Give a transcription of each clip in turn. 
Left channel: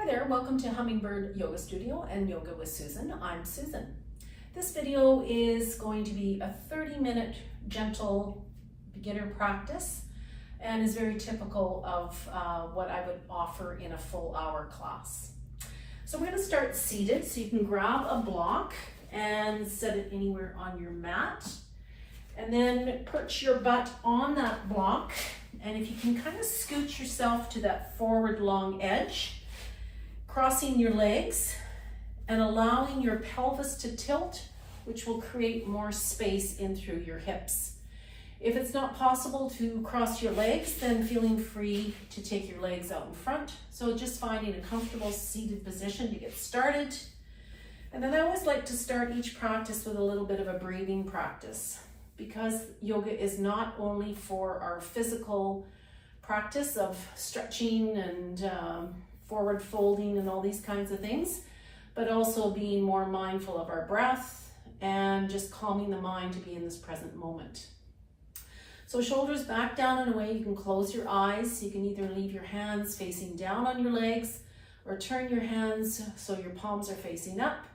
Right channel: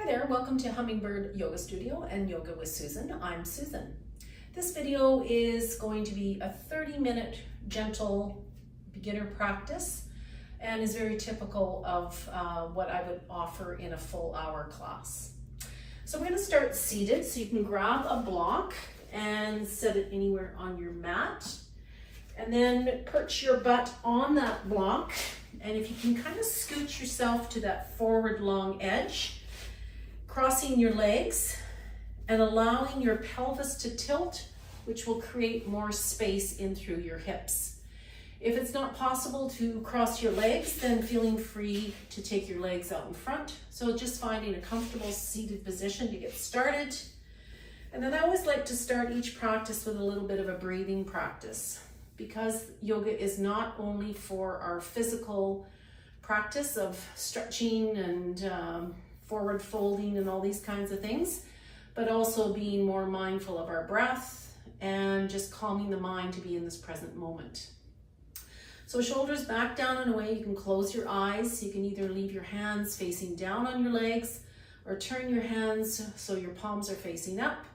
Hi there, welcome to Hummingbird Yoga Studio and Yoga with Susan. I'm Susan. This video is going to be a 30-minute gentle beginner practice and is very typical of what I would offer in a full hour class. So we're going to start seated, so you can grab a block and set it anywhere on your mat. And then perch your butt on that block. And if you can kind of scooch yourself to that forward long edge, crossing your legs and allowing your pelvis to tilt, which will create more space in through your hips. If it's not possible to cross your legs, then feeling free to take your legs out in front. So just finding a comfortable seated position to get started. And then I always like to start each practice with a little bit of a breathing practice, because yoga is not only for our physical practice of stretching and forward folding and all these kinds of things, but also being more mindful of our breath and just calming the mind to be in this present moment. So shoulders back, down and away. You can close your eyes. You can either leave your hands facing down on your legs or turn your hands so your palms are facing up.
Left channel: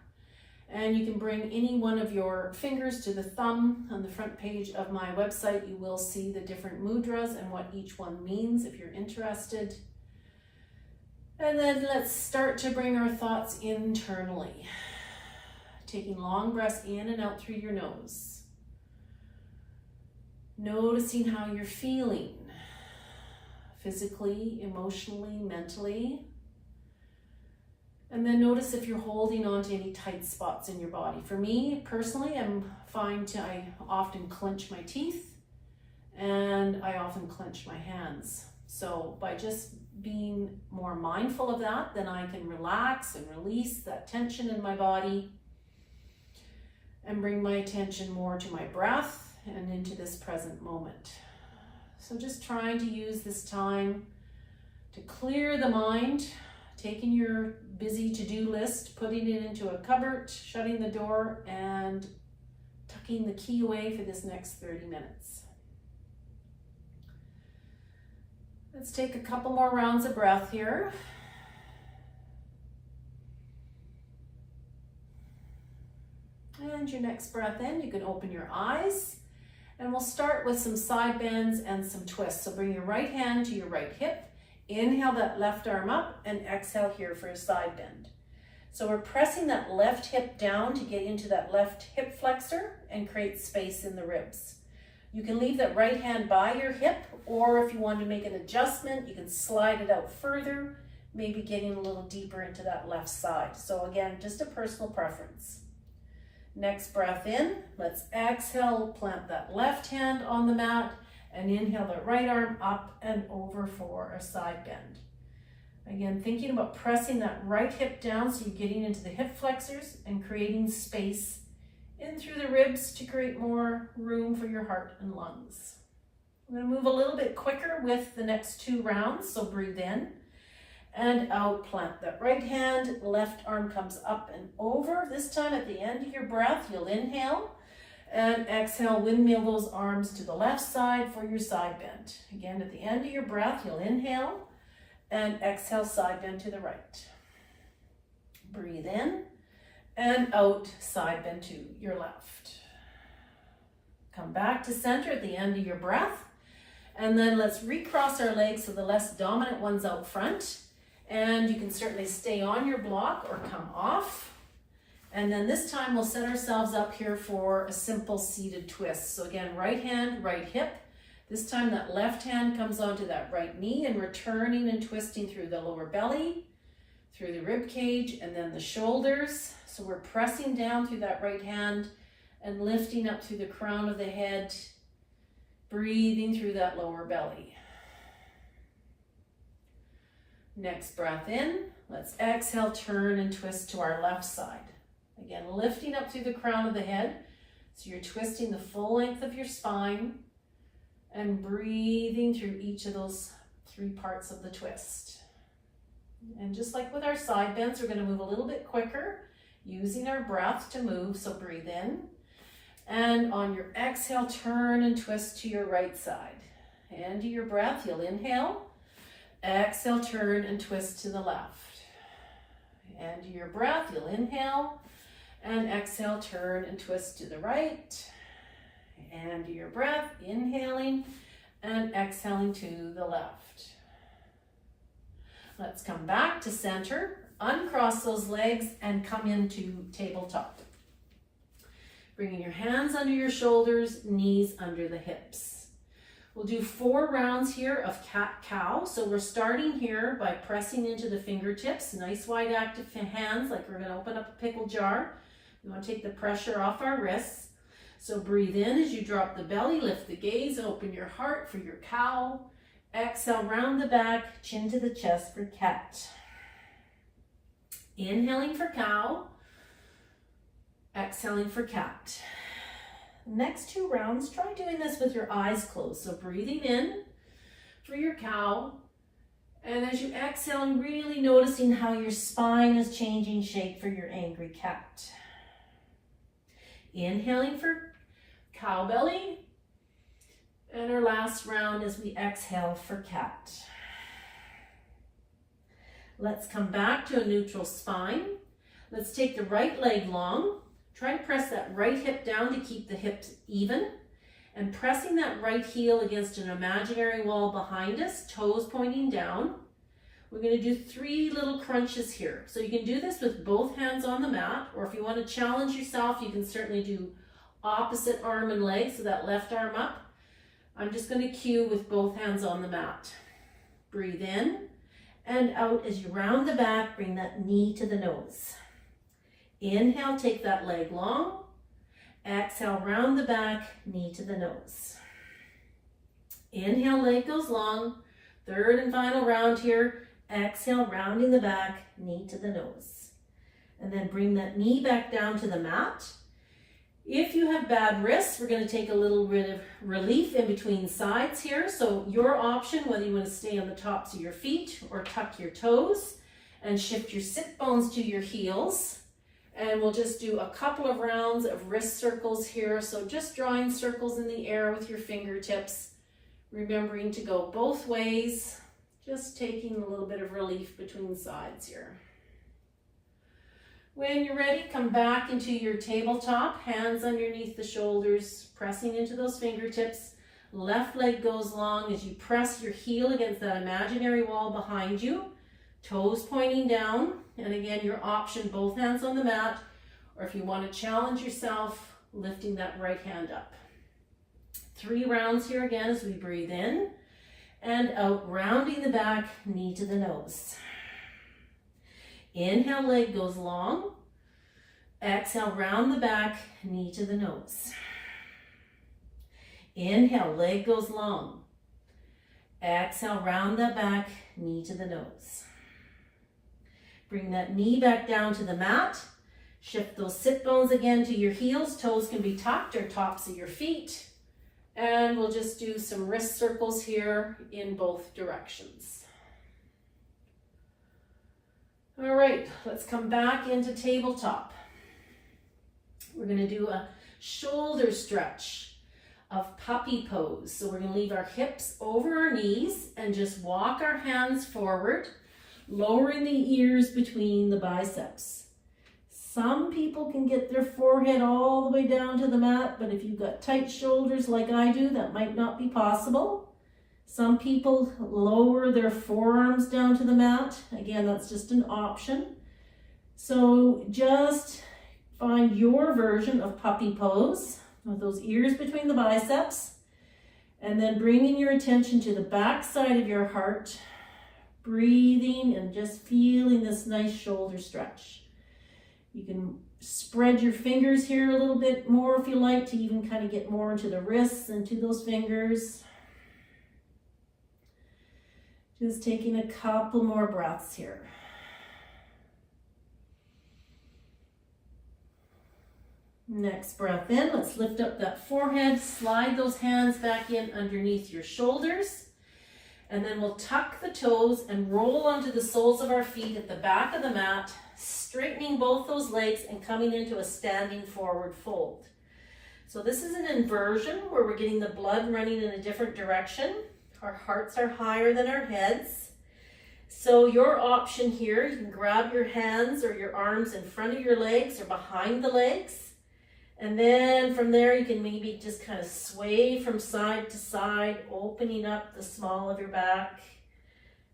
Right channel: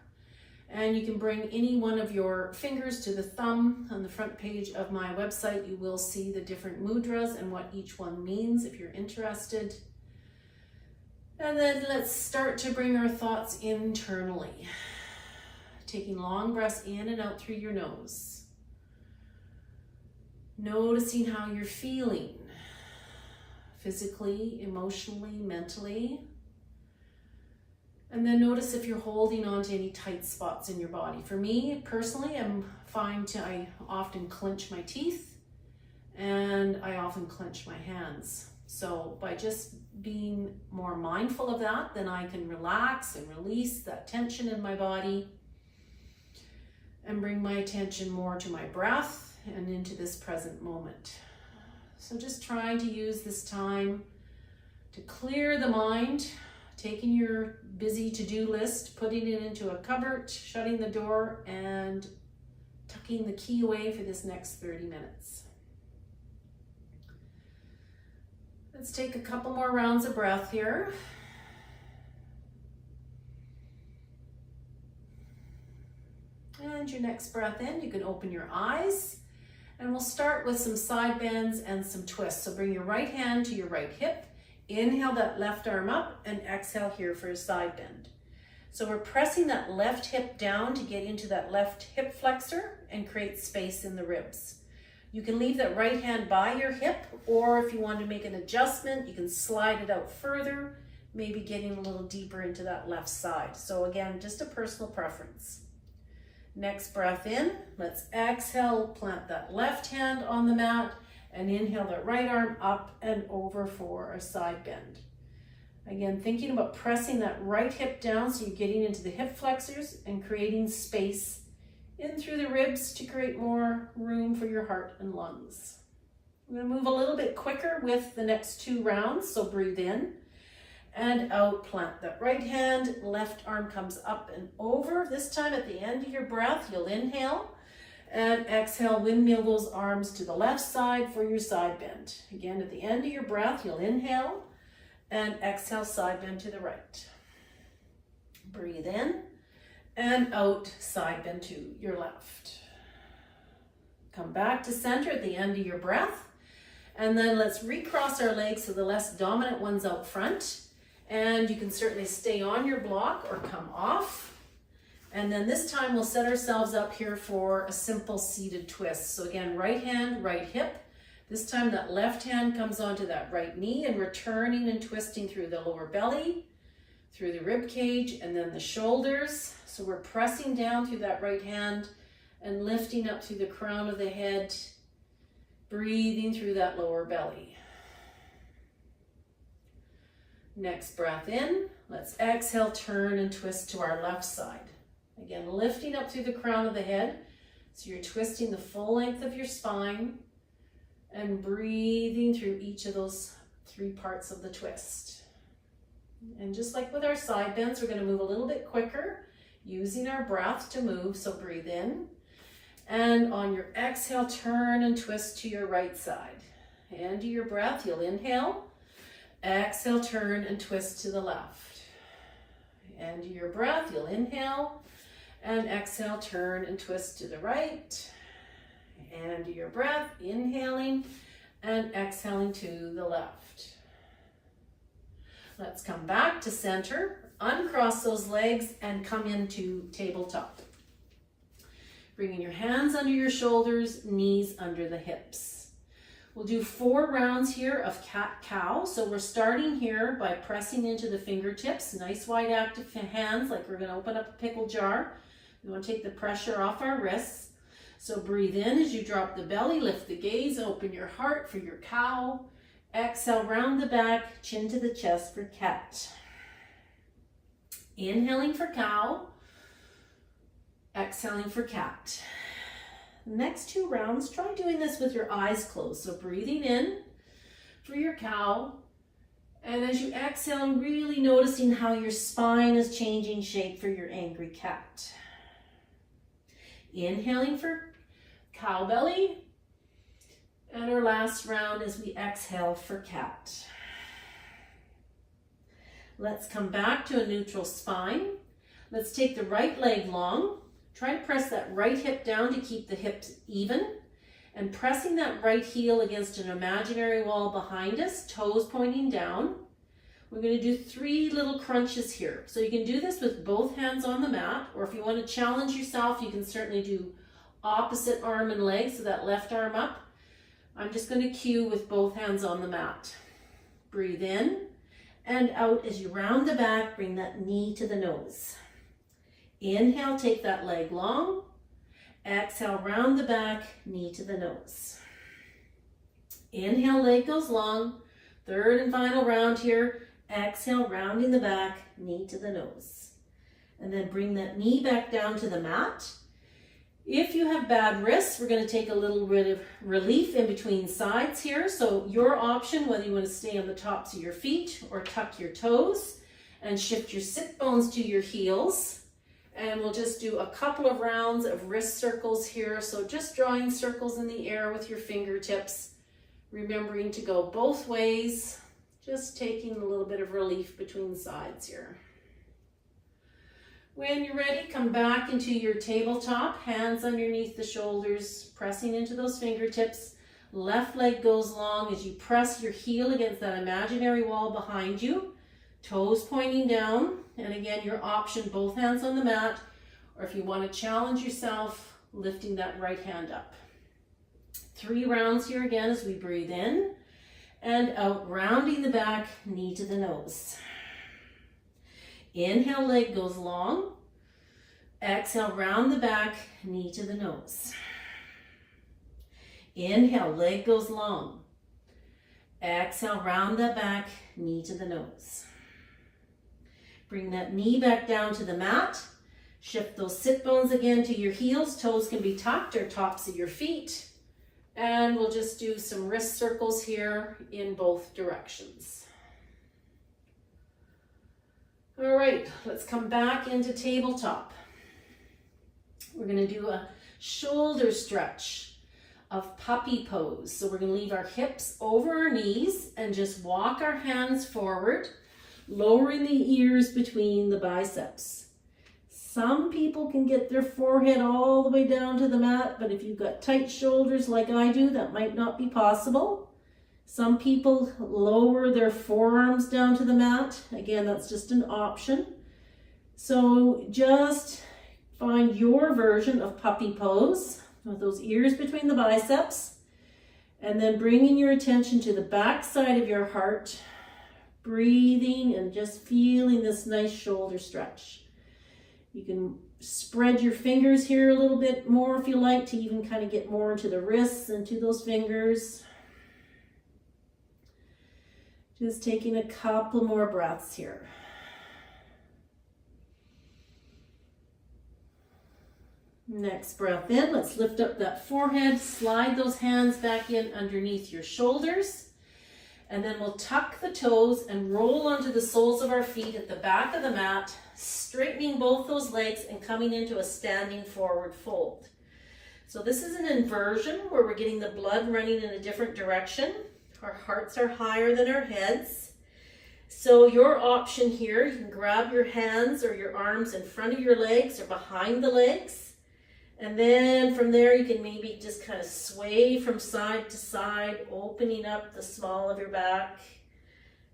And you can bring any one of your fingers to the thumb. On the front page of my website, you will see the different mudras and what each one means if you're interested. And then let's start to bring our thoughts internally. Taking long breaths in and out through your nose. Noticing how you're feeling, physically, emotionally, mentally. And then notice if you're holding on to any tight spots in your body. For me, personally, I often clench my teeth and I often clench my hands. So by just being more mindful of that, then I can relax and release that tension in my body and bring my attention more to my breath and into this present moment. So just trying to use this time to clear the mind, taking your busy to-do list, putting it into a cupboard, shutting the door, and tucking the key away for this next 30 minutes. Let's take a couple more rounds of breath here. And your next breath in, you can open your eyes. And we'll start with some side bends and some twists. So bring your right hand to your right hip. Inhale that left arm up and exhale here for a side bend. So we're pressing that left hip down to get into that left hip flexor and create space in the ribs. You can leave that right hand by your hip, or if you want to make an adjustment, you can slide it out further, maybe getting a little deeper into that left side. So again, just a personal preference. Next breath in, let's exhale, plant that left hand on the mat, and inhale that right arm up and over for a side bend. Again, thinking about pressing that right hip down so you're getting into the hip flexors and creating space in through the ribs to create more room for your heart and lungs. I'm going to move a little bit quicker with the next two rounds, so breathe in and out, plant that right hand, left arm comes up and over. This time at the end of your breath, you'll inhale. And exhale, windmill those arms to the left side for your side bend. Again, at the end of your breath, you'll inhale and exhale, side bend to the right. Breathe in and out, side bend to your left. Come back to center at the end of your breath. And then let's recross our legs so the less dominant one's out front. And you can certainly stay on your block or come off. And then this time we'll set ourselves up here for a simple seated twist. So again, right hand, right hip. This time that left hand comes onto that right knee and we're turning and twisting through the lower belly, through the rib cage, and then the shoulders. So we're pressing down through that right hand and lifting up through the crown of the head, breathing through that lower belly. Next breath in, let's exhale, turn and twist to our left side. Again, lifting up through the crown of the head. So you're twisting the full length of your spine and breathing through each of those three parts of the twist. And just like with our side bends, we're going to move a little bit quicker using our breath to move. So breathe in. And on your exhale, turn and twist to your right side. End of your breath, you'll inhale. Exhale, turn and twist to the left. And your breath, you'll inhale and exhale, turn and twist to the right. And your breath, inhaling and exhaling to the left. Let's come back to center, uncross those legs and come into tabletop. Bringing your hands under your shoulders, knees under the hips. We'll do 4 rounds here of cat-cow. So we're starting here by pressing into the fingertips, nice wide active hands, like we're gonna open up a pickle jar. We wanna take the pressure off our wrists. So breathe in as you drop the belly, lift the gaze, open your heart for your cow. Exhale, round the back, chin to the chest for cat. Inhaling for cow, exhaling for cat. Next 2 rounds, try doing this with your eyes closed. So breathing in for your cow, and as you exhale, really noticing how your spine is changing shape for your angry cat. Inhaling for cow belly, and our last round as we exhale for cat. Let's come back to a neutral spine. Let's take the right leg long. Try to press that right hip down to keep the hips even, and pressing that right heel against an imaginary wall behind us, toes pointing down. We're going to do 3 little crunches here. So you can do this with both hands on the mat, or if you want to challenge yourself, you can certainly do opposite arm and leg, so that left arm up. I'm just going to cue with both hands on the mat. Breathe in and out as you round the back, bring that knee to the nose. Inhale, take that leg long. Exhale, round the back, knee to the nose. Inhale, leg goes long. 3rd and final round here. Exhale, rounding the back, knee to the nose. And then bring that knee back down to the mat. If you have bad wrists, we're going to take a little bit of relief in between sides here. So your option, whether you want to stay on the tops of your feet or tuck your toes and shift your sit bones to your heels. And we'll just do a couple of rounds of wrist circles here. So just drawing circles in the air with your fingertips, remembering to go both ways, just taking a little bit of relief between sides here. When you're ready, come back into your tabletop, hands underneath the shoulders, pressing into those fingertips. Left leg goes long as you press your heel against that imaginary wall behind you. Toes pointing down, and again, your option, both hands on the mat, or if you want to challenge yourself, lifting that right hand up. 3 rounds here again as we breathe in and out, rounding the back, knee to the nose. Inhale, leg goes long. Exhale, round the back, knee to the nose. Inhale, leg goes long. Exhale, round the back, knee to the nose. Bring that knee back down to the mat. Shift those sit bones again to your heels. Toes can be tucked or tops of your feet. And we'll just do some wrist circles here in both directions. All right, let's come back into tabletop. We're going to do a shoulder stretch of puppy pose. So we're going to leave our hips over our knees and just walk our hands forward, lowering the ears between the biceps. Some people can get their forehead all the way down to the mat, but if you've got tight shoulders like I do, that might not be possible. Some people lower their forearms down to the mat. Again, that's just an option. So just find your version of puppy pose with those ears between the biceps, and then bringing your attention to the back side of your heart, breathing and just feeling this nice shoulder stretch. You can spread your fingers here a little bit more if you like to even kind of get more into the wrists and to those fingers. Just taking a couple more breaths here. Next breath in, let's lift up that forehead, slide those hands back in underneath your shoulders, and then we'll tuck the toes and roll onto the soles of our feet at the back of the mat, straightening both those legs and coming into a standing forward fold. So this is an inversion where we're getting the blood running in a different direction. Our hearts are higher than our heads. So your option here, you can grab your hands or your arms in front of your legs or behind the legs. And then from there, you can maybe just kind of sway from side to side, opening up the small of your back.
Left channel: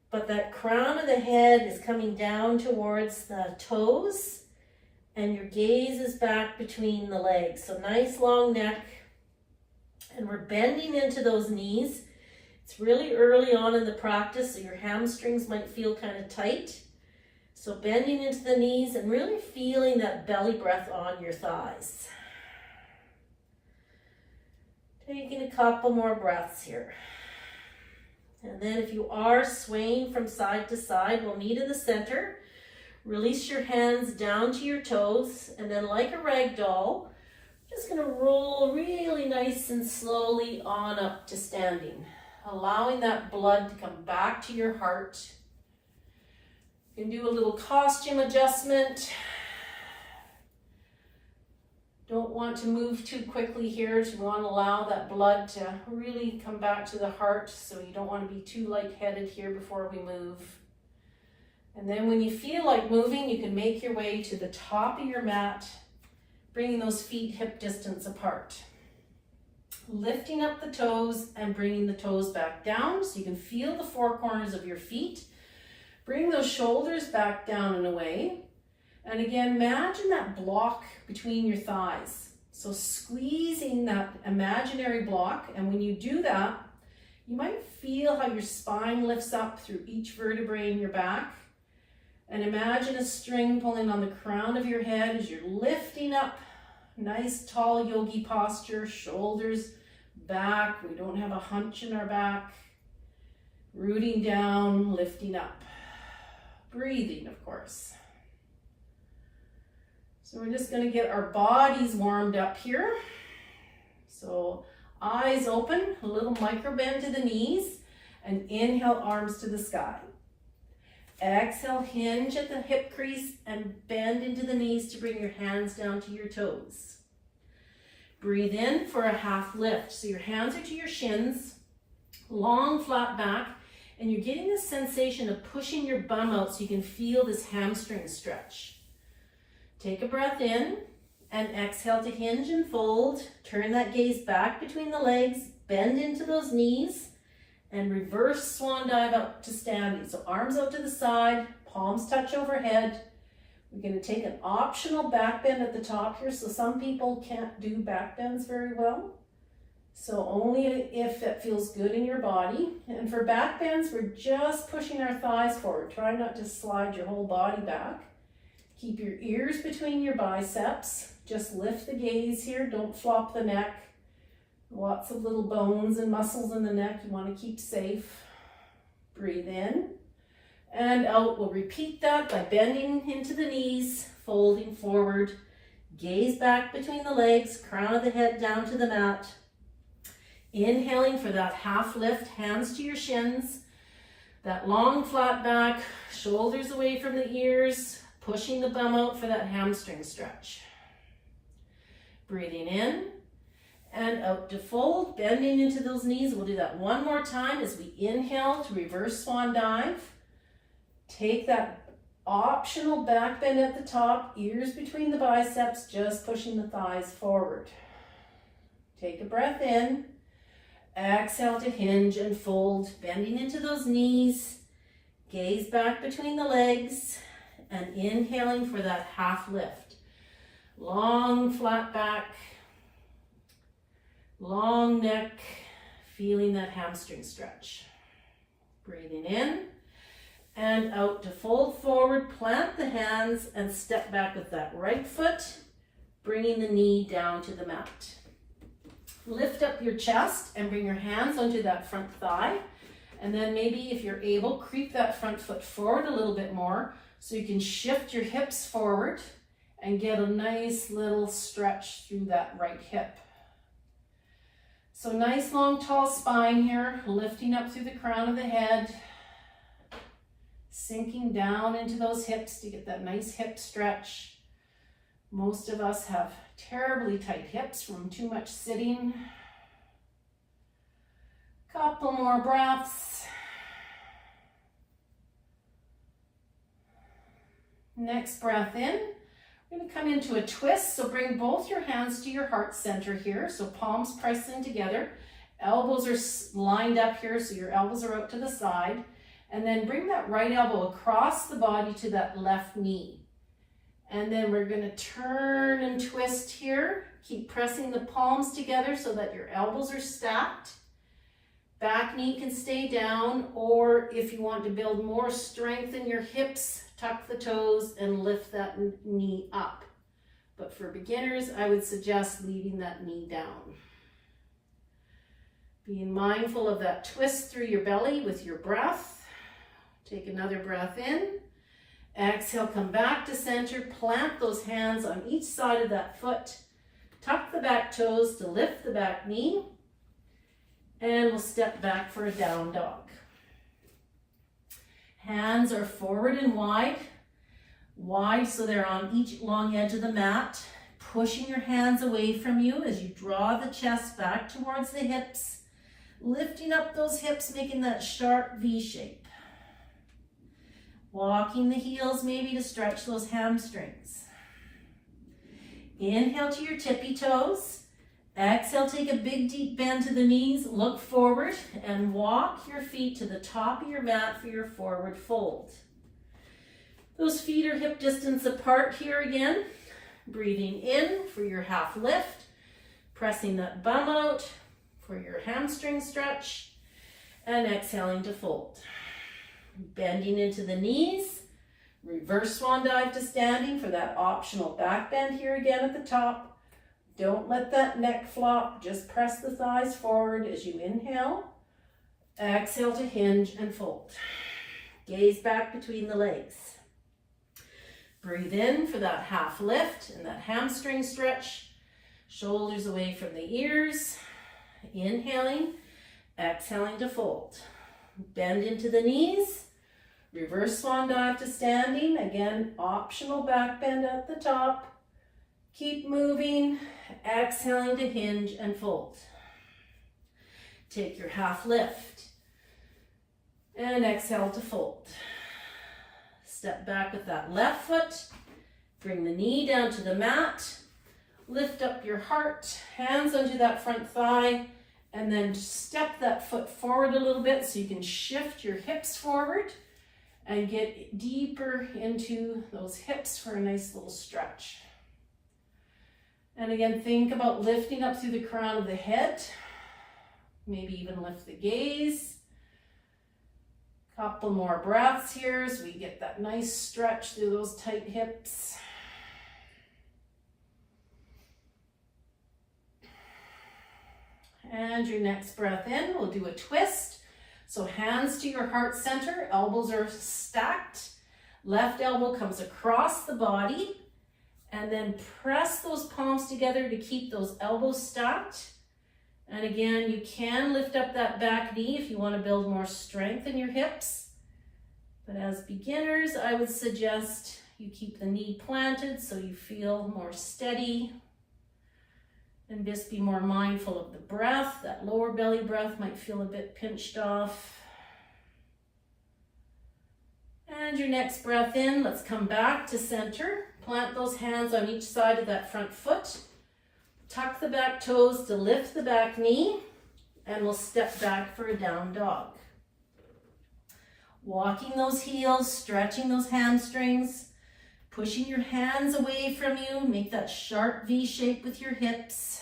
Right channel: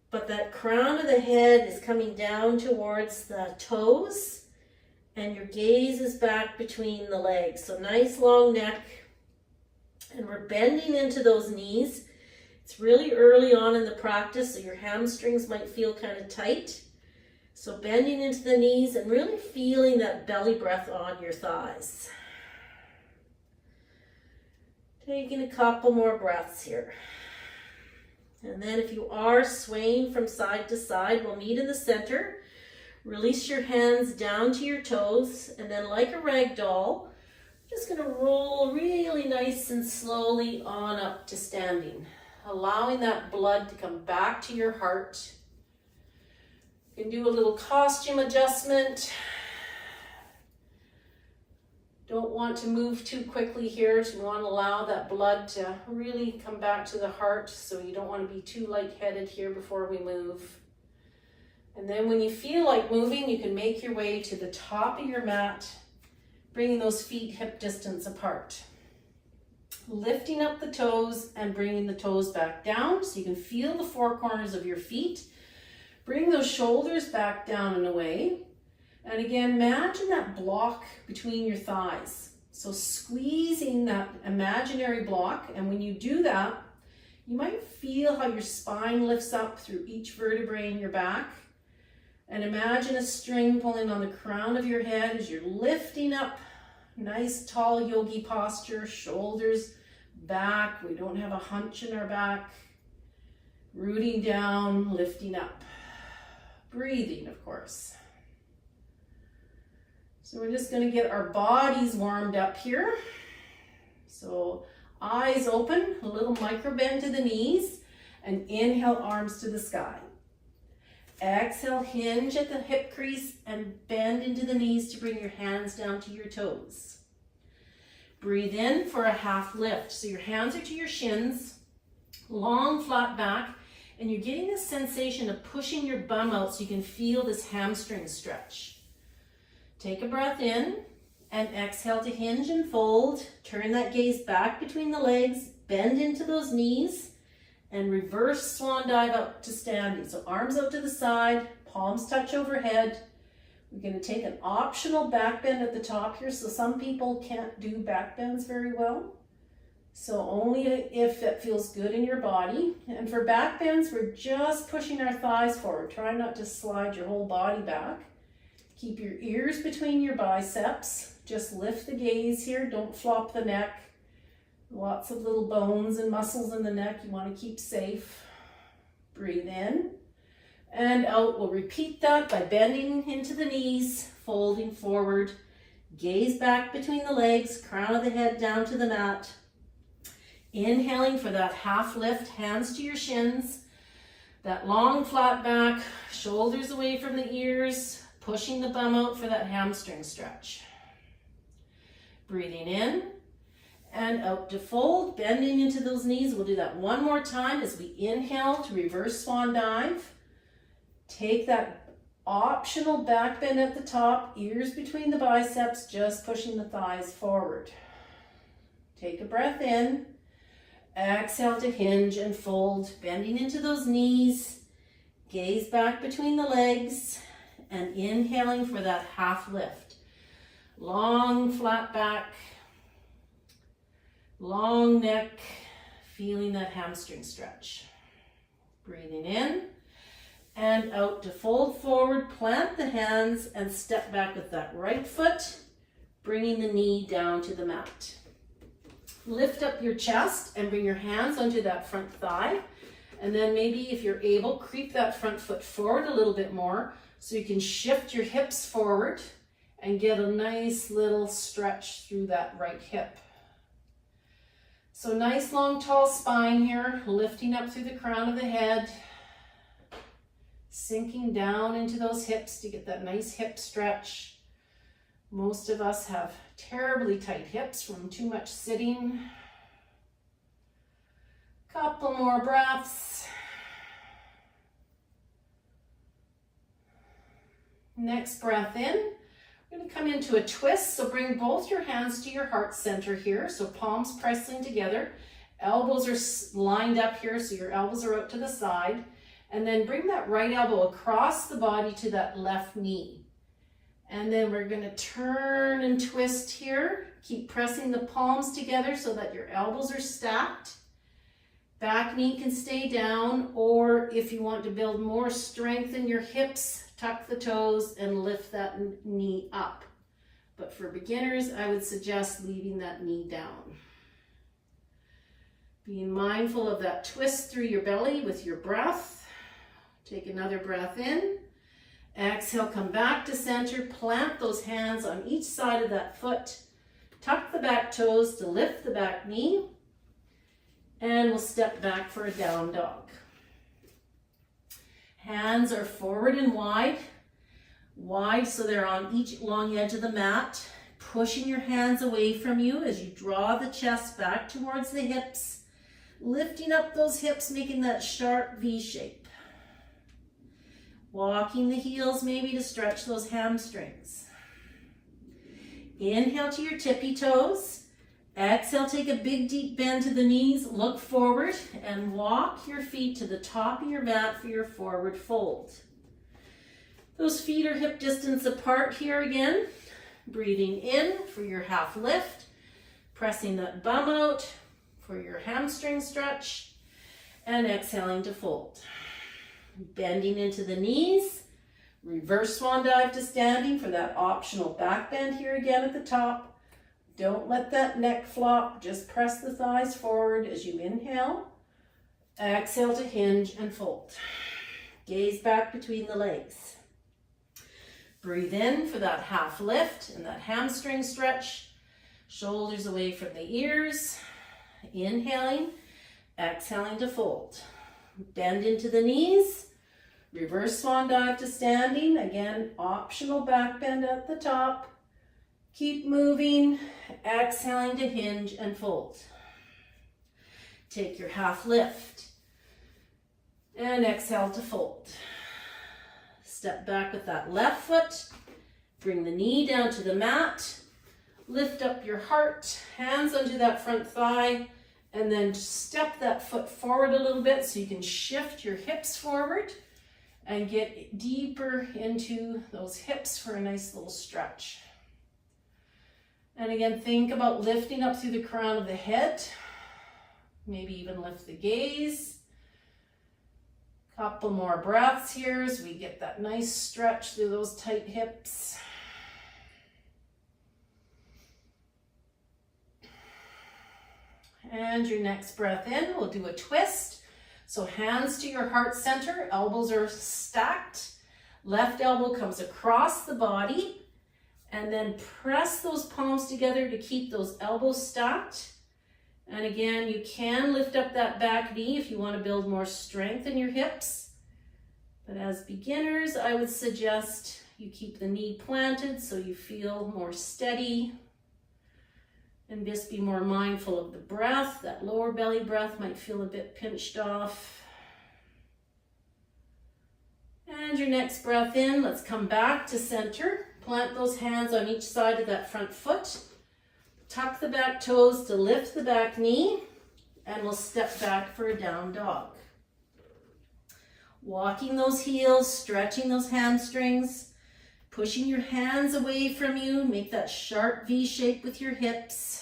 But that crown of the head is coming down towards the toes, and your gaze is back between the legs. So nice long neck, and we're bending into those knees. It's really early on in the practice, so your hamstrings might feel kind of tight. So bending into the knees and really feeling that belly breath on your thighs. Taking a couple more breaths here. And then if you are swaying from side to side, we'll meet in the center. Release your hands down to your toes, and then like a rag doll, just going to roll really nice and slowly on up to standing, allowing that blood to come back to your heart. You can do a little costume adjustment. Don't want to move too quickly here, so you want to allow that blood to really come back to the heart, so you don't want to be too lightheaded here before we move. And then when you feel like moving, you can make your way to the top of your mat, bringing those feet hip distance apart. Lifting up the toes and bringing the toes back down so you can feel the four corners of your feet. Bring those shoulders back down and away. And again, imagine that block between your thighs. So squeezing that imaginary block, and when you do that, you might feel how your spine lifts up through each vertebrae in your back. And imagine a string pulling on the crown of your head as you're lifting up. Nice tall yogi posture, shoulders back. We don't have a hunch in our back. Rooting down, lifting up. Breathing, of course. So we're just going to get our bodies warmed up here. So eyes open, a little micro bend to the knees, and inhale, arms to the sky. Exhale, hinge at the hip crease and bend into the knees to bring your hands down to your toes. Breathe in for a half lift. So your hands are to your shins, long flat back, and you're getting this sensation of pushing your bum out so you can feel this hamstring stretch. Take a breath in and exhale to hinge and fold. Turn that gaze back between the legs, bend into those knees, and reverse swan dive up to standing. So arms up to the side, palms touch overhead. We're going to take an optional back bend at the top here. So some people can't do back bends very well. So only if it feels good in your body. And for back bends, we're just pushing our thighs forward. Try not to slide your whole body back. Keep your ears between your biceps. Just lift the gaze here. Don't flop the neck. Lots of little bones and muscles in the neck you want to keep safe. Breathe in and out. We'll repeat that by bending into the knees, folding forward, gaze back between the legs, crown of the head down to the mat. Inhaling for that half lift, hands to your shins, that long flat back, shoulders away from the ears, pushing the bum out for that hamstring stretch. Breathing in and out to fold, bending into those knees. We'll do that one more time as we inhale to reverse swan dive. Take that optional back bend at the top, ears between the biceps, just pushing the thighs forward. Take a breath in. Exhale to hinge and fold, bending into those knees. Gaze back between the legs and inhaling for that half lift. Long flat back, long neck, feeling that hamstring stretch. Breathing in and out to fold forward, plant the hands and step back with that right foot, bringing the knee down to the mat. Lift up your chest and bring your hands onto that front thigh. And then maybe if you're able, creep that front foot forward a little bit more so you can shift your hips forward and get a nice little stretch through that right hip. So nice long tall spine here, lifting up through the crown of the head, sinking down into those hips to get that nice hip stretch. Most of us have terribly tight hips from too much sitting. Couple more breaths. Next breath in. We're going to come into a twist. So bring both your hands to your heart center here. So palms pressing together. Elbows are lined up here, so your elbows are out to the side. And then bring that right elbow across the body to that left knee. And then we're going to turn and twist here. Keep pressing the palms together so that your elbows are stacked. Back knee can stay down, or if you want to build more strength in your hips, tuck the toes and lift that knee up. But for beginners, I would suggest leaving that knee down. Being mindful of that twist through your belly with your breath. Take another breath in. Exhale, come back to center. Plant those hands on each side of that foot. Tuck the back toes to lift the back knee. And we'll step back for a down dog. Hands are forward and wide. Wide so they're on each long edge of the mat. Pushing your hands away from you as you draw the chest back towards the hips. Lifting up those hips, making that sharp V shape. Walking the heels maybe to stretch those hamstrings. Inhale to your tippy toes. Exhale, take a big deep bend to the knees, look forward, and walk your feet to the top of your mat for your forward fold. Those feet are hip distance apart here again. Breathing in for your half lift, pressing that bum out for your hamstring stretch, and exhaling to fold. Bending into the knees, reverse swan dive to standing for that optional back bend here again at the top. Don't let that neck flop, just press the thighs forward as you inhale. Exhale to hinge and fold. Gaze back between the legs. Breathe in for that half lift and that hamstring stretch. Shoulders away from the ears. Inhaling, exhaling to fold. Bend into the knees. Reverse swan dive to standing. Again, optional back bend at the top. Keep moving, exhaling to hinge and fold. Take your half lift and exhale to fold. Step back with that left foot. Bring the knee down to the mat. Lift up your heart, hands onto that front thigh, and then step that foot forward a little bit so you can shift your hips forward and get deeper into those hips for a nice little stretch. And again, think about lifting up through the crown of the head. Maybe even lift the gaze. Couple more breaths here as we get that nice stretch through those tight hips. And your next breath in, we'll do a twist. So hands to your heart center, elbows are stacked. Left elbow comes across the body. And then press those palms together to keep those elbows stacked. And again, you can lift up that back knee if you want to build more strength in your hips. But as beginners, I would suggest you keep the knee planted so you feel more steady. And just be more mindful of the breath. That lower belly breath might feel a bit pinched off. And your next breath in, let's come back to center. Plant those hands on each side of that front foot. Tuck the back toes to lift the back knee, and we'll step back for a down dog. Walking those heels, stretching those hamstrings, pushing your hands away from you. Make that sharp V shape with your hips.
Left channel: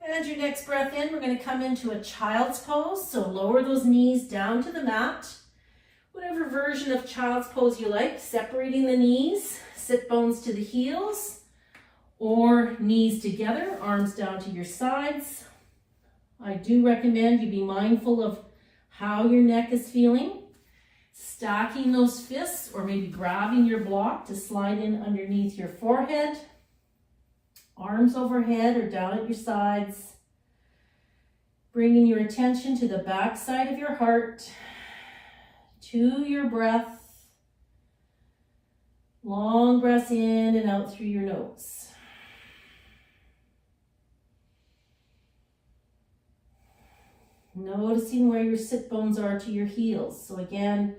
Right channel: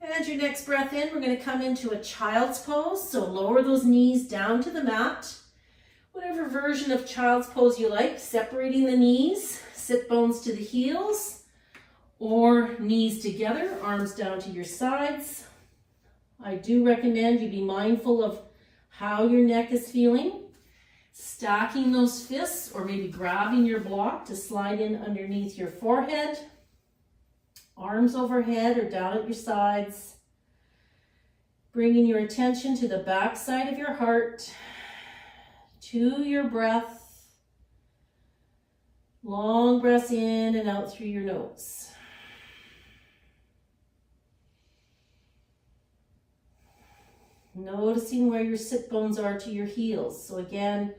And your next breath in, we're going to come into a child's pose. So lower those knees down to the mat. Whatever version of child's pose you like, separating the knees, sit bones to the heels, or knees together, arms down to your sides. I do recommend you be mindful of how your neck is feeling. Stacking those fists, or maybe grabbing your block to slide in underneath your forehead. Arms overhead or down at your sides. Bringing your attention to the back side of your heart. To your breath. Long breaths in and out through your nose. Noticing where your sit bones are to your heels. So again,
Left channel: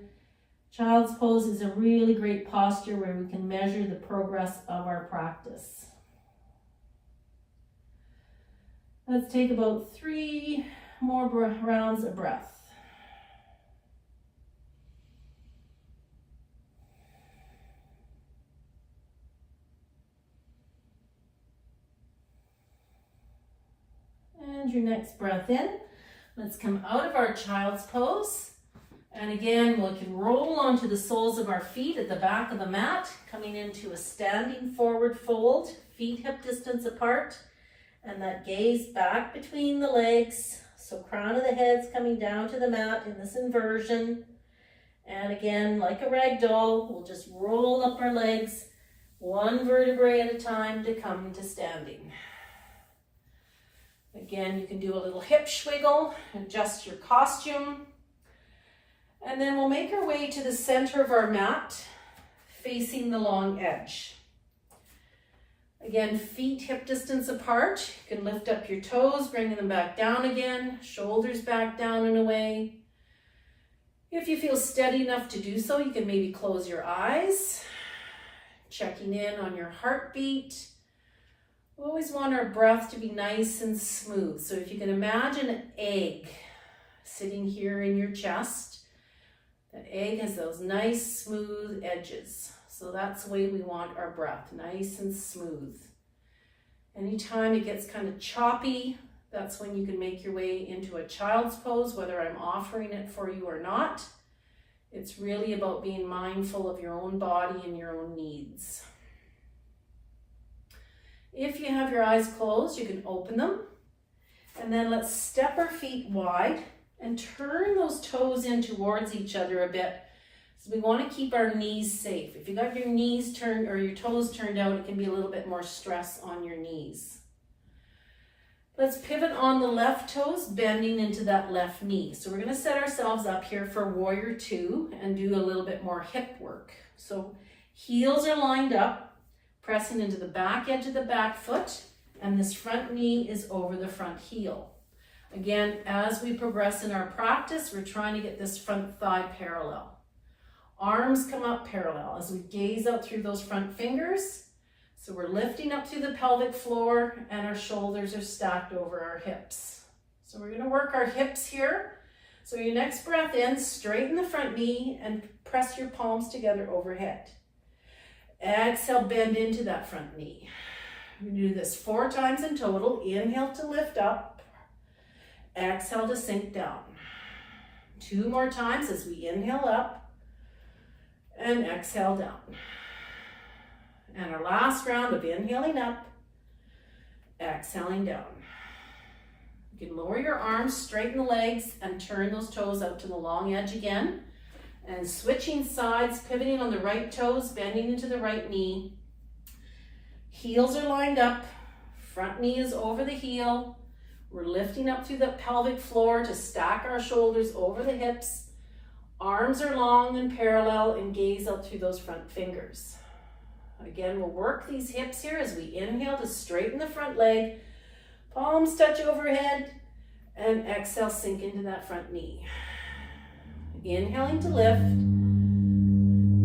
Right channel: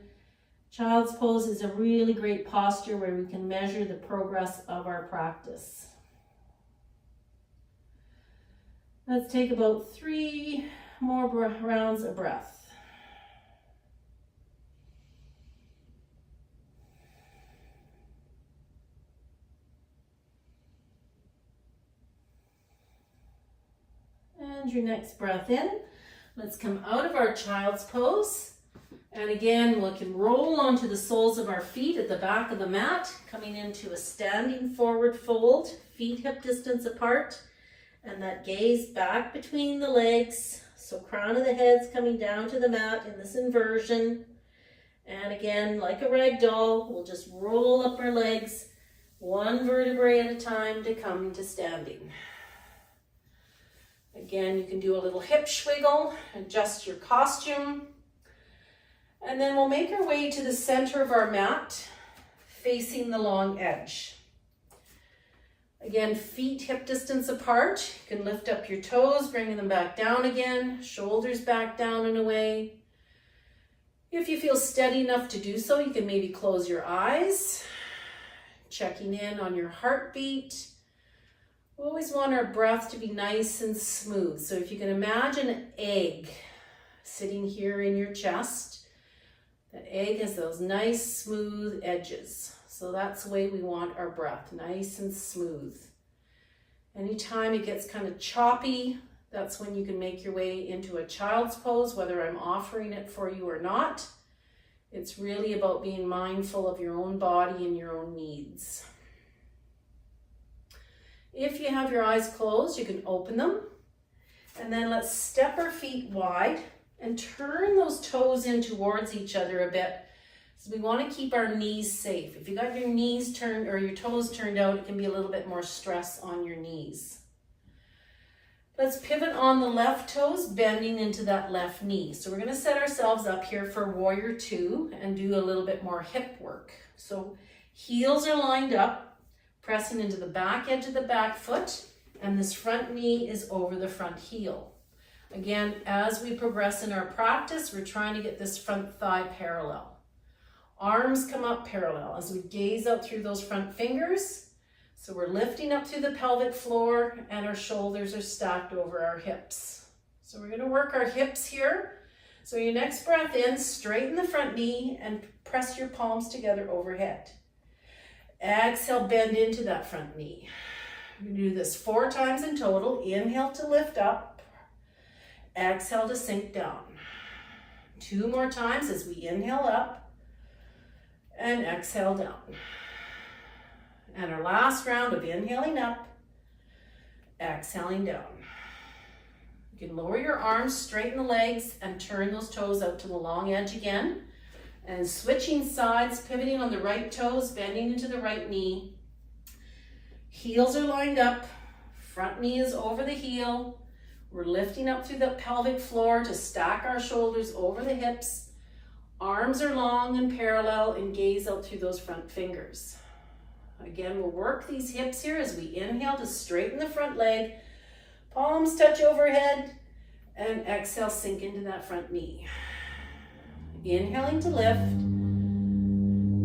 Child's pose is a really great posture where we can measure the progress of our practice. Let's take about 3 more rounds of breath. And your next breath in. Let's come out of our child's pose. And again, we can roll onto the soles of our feet at the back of the mat, coming into a standing forward fold, feet hip distance apart, and that gaze back between the legs. So crown of the head's coming down to the mat in this inversion. And again, like a rag doll, we'll just roll up our legs, one vertebrae at a time to come to standing. Again, you can do a little hip swiggle, adjust your costume. And then we'll make our way to the center of our mat, facing the long edge. Again, feet hip distance apart. You can lift up your toes, bringing them back down again, shoulders back down and away. If you feel steady enough to do so, you can maybe close your eyes, checking in on your heartbeat. We always want our breath to be nice and smooth. So if you can imagine an egg sitting here in your chest, that egg has those nice smooth edges. So that's the way we want our breath, nice and smooth. Anytime it gets kind of choppy, that's when you can make your way into a child's pose, whether I'm offering it for you or not. It's really about being mindful of your own body and your own needs. If you have your eyes closed, you can open them. And then let's step our feet wide and turn those toes in towards each other a bit. So we want to keep our knees safe. If you got your knees turned or your toes turned out, it can be a little bit more stress on your knees. Let's pivot on the left toes, bending into that left knee. So we're going to set ourselves up here for warrior 2 and do a little bit more hip work. So heels are lined up, pressing into the back edge of the back foot, and this front knee is over the front heel. Again, as we progress in our practice, we're trying to get this front thigh parallel. Arms come up parallel as we gaze out through those front fingers. So we're lifting up through the pelvic floor and our shoulders are stacked over our hips. So we're going to work our hips here. So your next breath in, straighten the front knee and press your palms together overhead. Exhale, bend into that front knee. We're going to do this 4 times in total. Inhale to lift up. Exhale to sink down. 2 more times as we inhale up and exhale down. And our last round of inhaling up, exhaling down. You can lower your arms, straighten the legs, and turn those toes out to the long edge again. And switching sides, pivoting on the right toes, bending into the right knee. Heels are lined up, front knee is over the heel. We're lifting up through the pelvic floor to stack our shoulders over the hips. Arms are long and parallel and gaze out through those front fingers. Again, we'll work these hips here as we inhale to straighten the front leg. Palms touch overhead and exhale, sink into that front knee. Inhaling to lift,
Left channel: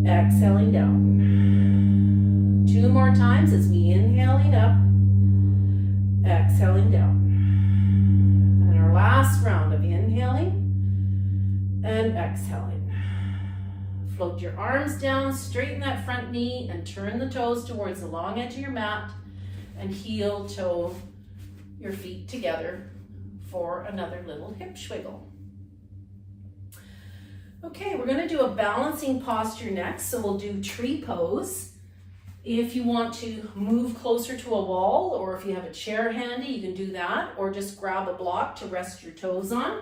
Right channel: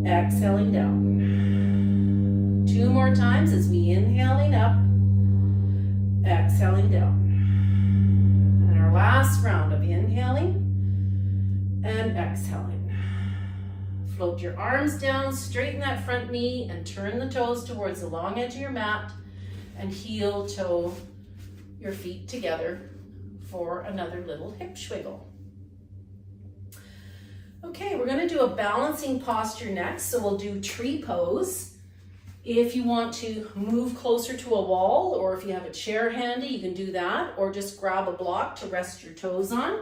exhaling down. 2 more times as we inhaling up, exhaling down. And our last round of inhaling and exhaling. Float your arms down, straighten that front knee and turn the toes towards the long edge of your mat and heel toe your feet together for another little hip swiggle. Okay, we're going to do a balancing posture next. So we'll do tree pose. If you want to move closer to a wall or if you have a chair handy, you can do that, or just grab a block to rest your toes on.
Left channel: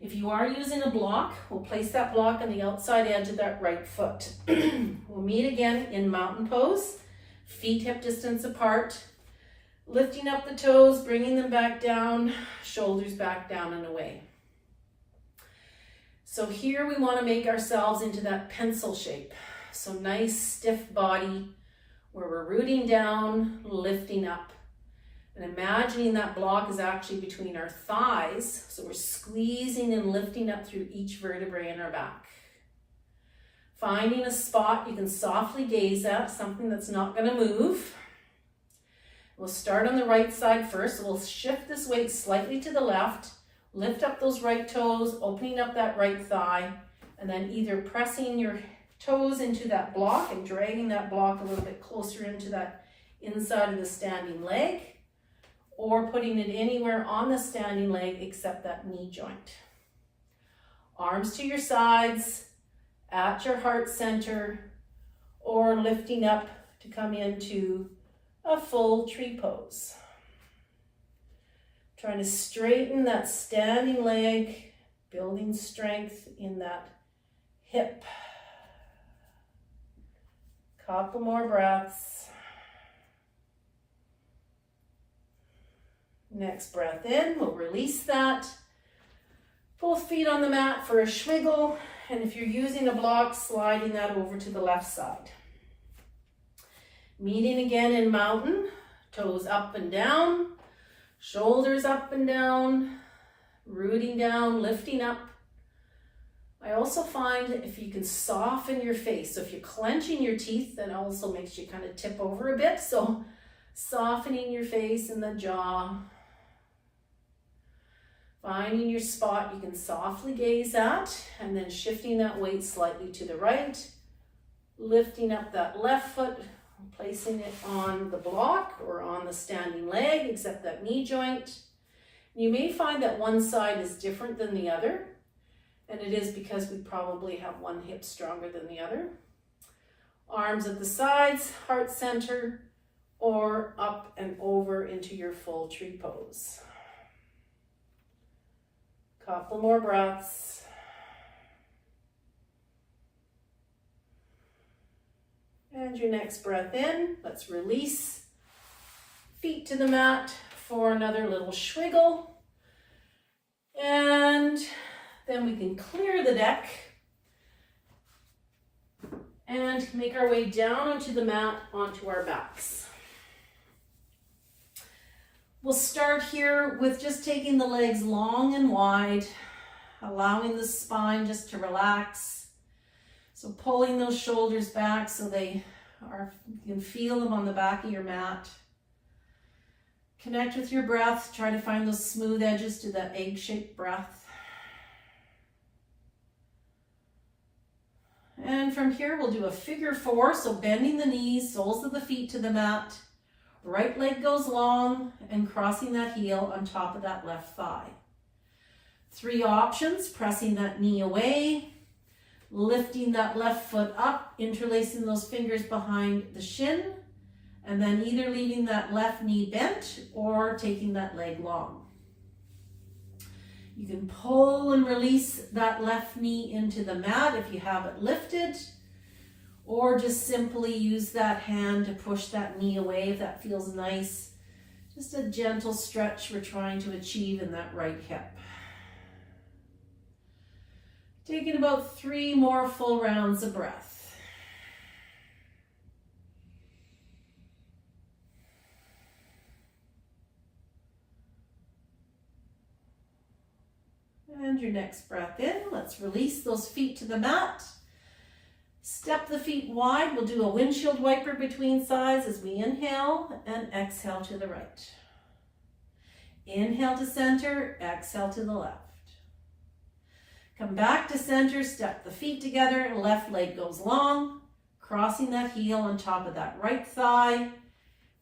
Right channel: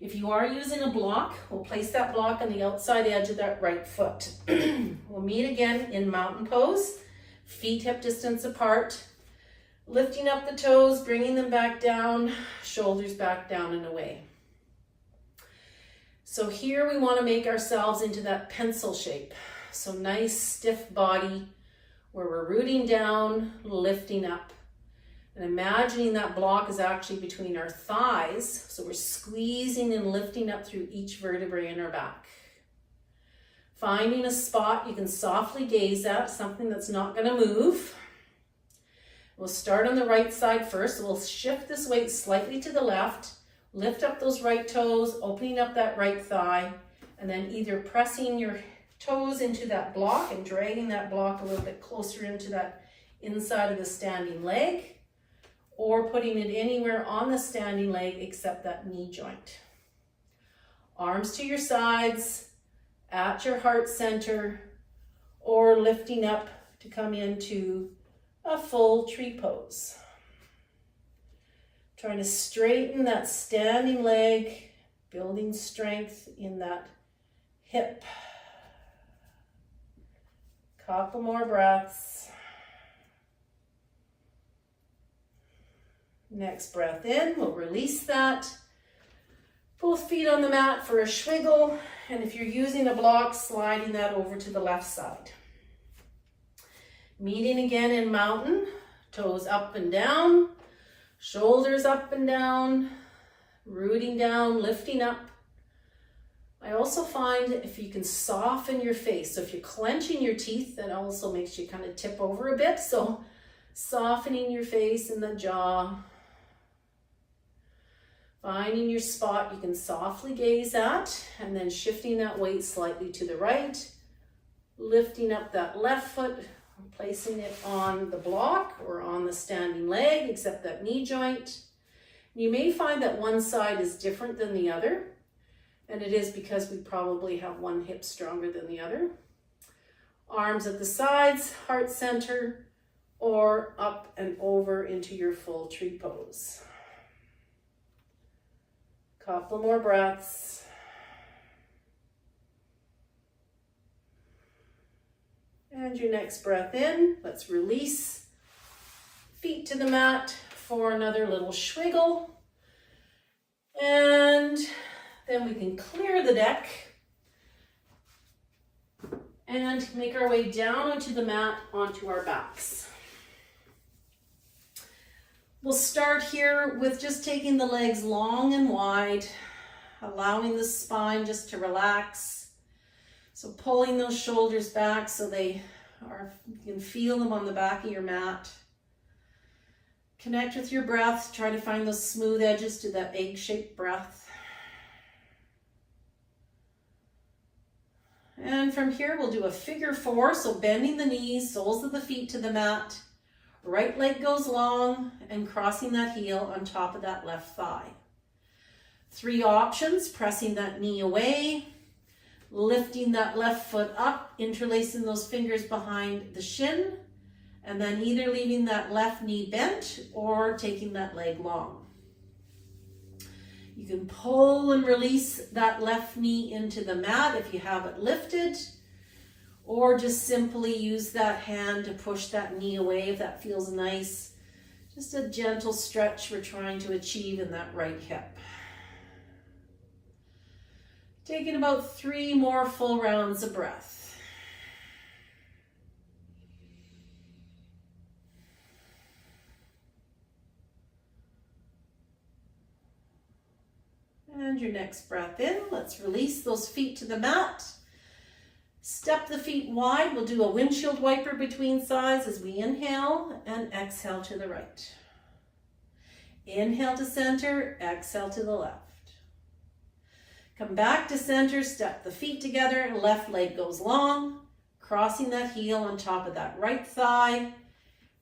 If you are using a block, we'll place that block on the outside edge of that right foot. We'll meet again in mountain pose, feet hip distance apart, lifting up the toes, bringing them back down, shoulders back down and away. So here we want to make ourselves into that pencil shape. So nice stiff body where we're rooting down, lifting up. And imagining that block is actually between our thighs. So we're squeezing and lifting up through each vertebrae in our back. Finding a spot you can softly gaze at, something that's not going to move. We'll start on the right side first. We'll shift this weight slightly to the left, lift up those right toes, opening up that right thigh, and then either pressing your toes into that block and dragging that block a little bit closer into that inside of the standing leg, or putting it anywhere on the standing leg except that knee joint. Arms to your sides, at your heart center, or lifting up to come into a full tree pose. Trying to straighten that standing leg, building strength in that hip. Couple more breaths. Next breath in, we'll release that. Both feet on the mat for a swiggle, and if you're using a block, sliding that over to the left side. Meeting again in mountain, toes up and down, shoulders up and down, rooting down, lifting up. I also find if you can soften your face, so if you're clenching your teeth, that also makes you kind of tip over a bit, so softening your face and the jaw. Finding your spot you can softly gaze at, and then shifting that weight slightly to the right, lifting up that left foot, placing it on the block or on the standing leg, except that knee joint. You may find that one side is different than the other, and it is because we probably have one hip stronger than the other. Arms at the sides, heart center, or up and over into your full tree pose. Couple more breaths. And your next breath in, let's release. Feet to the mat for another little swiggle. And then we can clear the deck and make our way down onto the mat, onto our backs. We'll start here with just taking the legs long and wide, allowing the spine just to relax. So pulling those shoulders back so you can feel them on the back of your mat. Connect with your breath. Try to find those smooth edges to that egg-shaped breath. And from here, we'll do a figure four. So bending the knees, soles of the feet to the mat. Right leg goes long and crossing that heel on top of that left thigh. 3 options: pressing that knee away, lifting that left foot up, interlacing those fingers behind the shin, and then either leaving that left knee bent or taking that leg long. You can pull and release that left knee into the mat if you have it lifted, or just simply use that hand to push that knee away if that feels nice. Just a gentle stretch we're trying to achieve in that right hip. Taking about 3 more full rounds of breath. And your next breath in, let's release those feet to the mat. Step the feet wide. We'll do a windshield wiper between sides as we inhale and exhale to the right. Inhale to center, exhale to the left. Come back to center, step the feet together, left leg goes long, crossing that heel on top of that right thigh,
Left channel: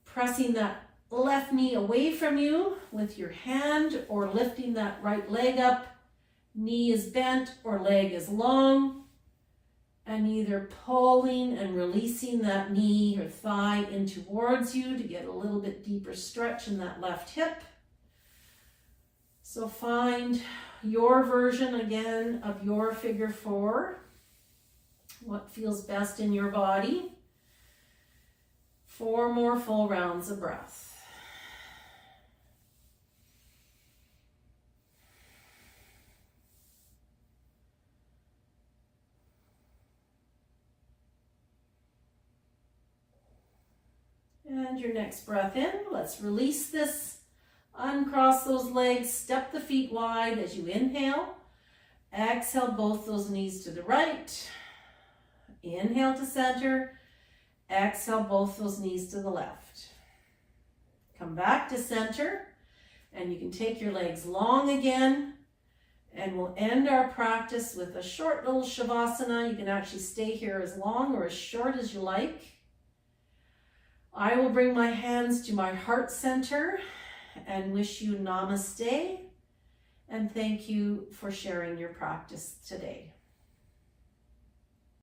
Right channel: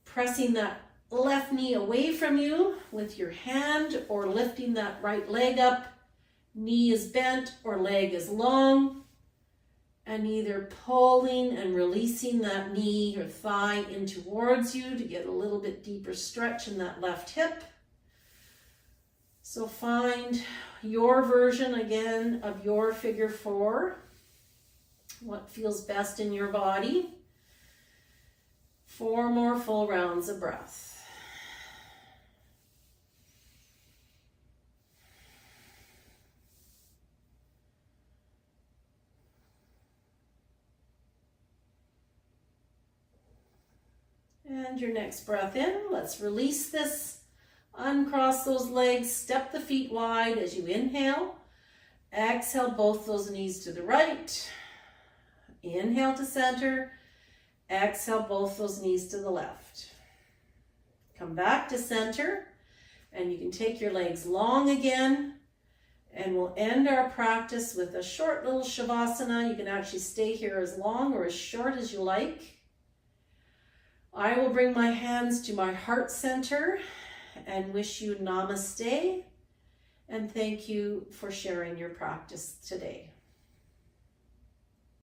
pressing that left knee away from you with your hand or lifting that right leg up. Knee is bent or leg is long. And either pulling and releasing that knee or thigh in towards you to get a little bit deeper stretch in that left hip. So find your version again of your figure four, what feels best in your body. 4 more full rounds of breath. And your next breath in, let's release this. Uncross those legs, step the feet wide as you inhale. Exhale both those knees to the right. Inhale to center. Exhale, both those knees to the left. Come back to center, and you can take your legs long again, and we'll end our practice with a short little Shavasana. You can actually stay here as long or as short as you like. I will bring my hands to my heart center and wish you Namaste, and thank you for sharing your practice today.